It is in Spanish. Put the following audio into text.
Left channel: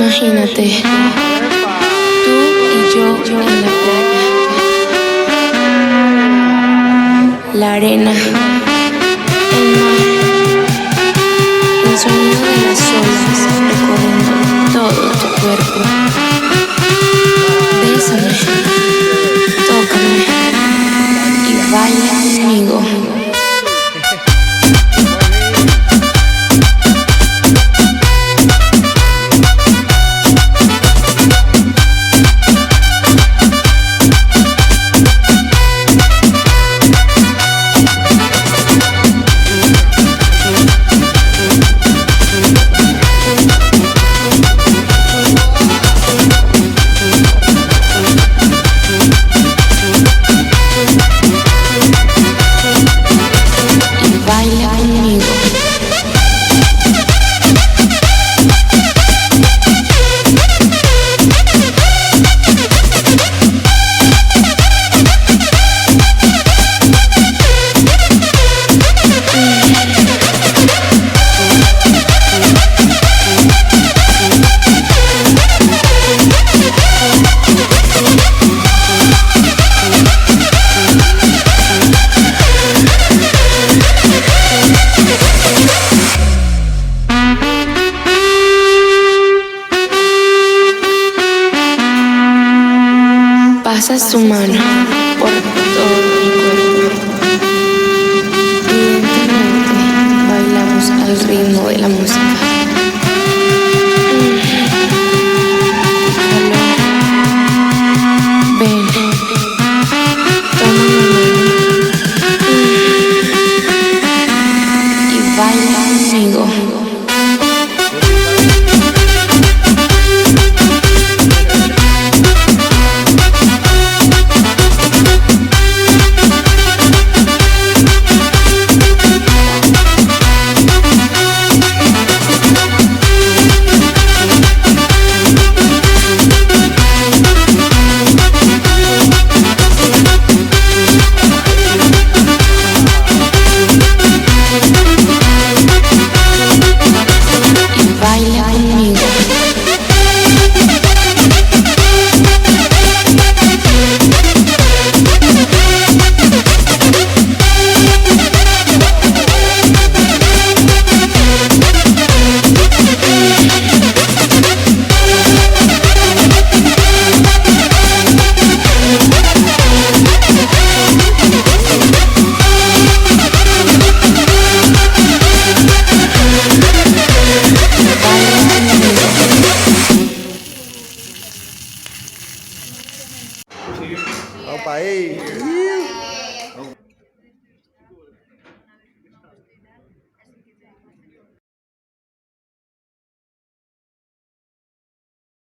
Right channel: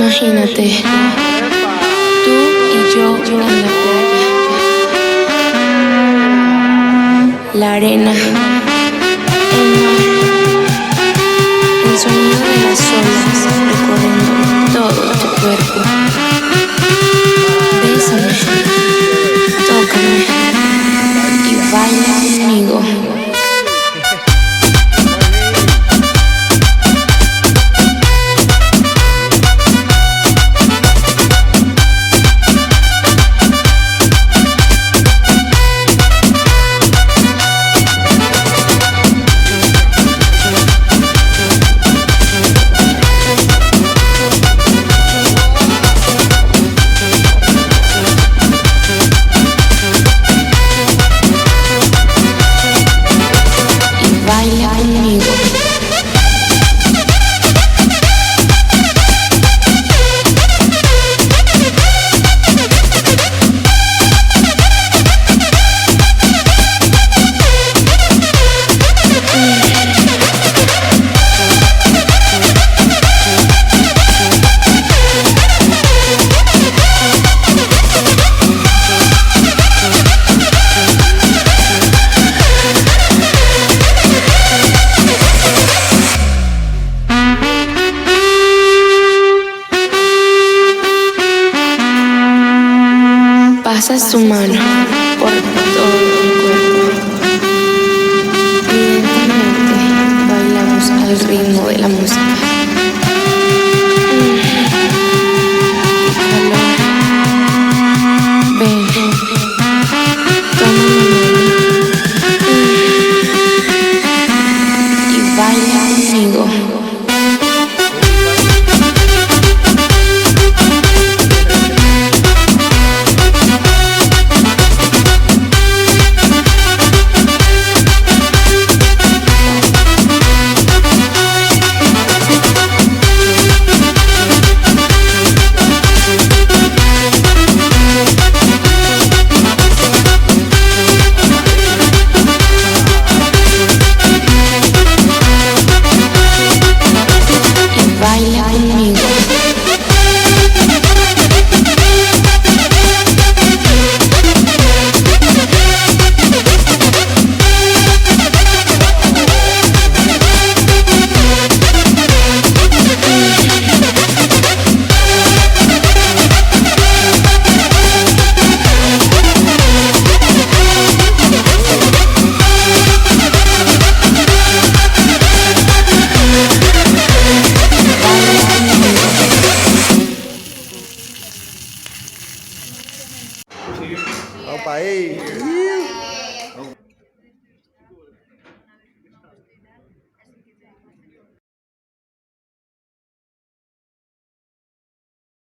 Imagínate, tú y yo en la playa, la arena, el mar, el sonido de las olas recorriendo todo tu cuerpo. Bésame, tócame y baila conmigo. Baila conmigo. Pasas tu mano por todo mi cuerpo y lentamente bailamos al ritmo de la música. ¡Qué calor! Ven, toma mi mano y baila conmigo. Baila conmigo. Vamos para ahí.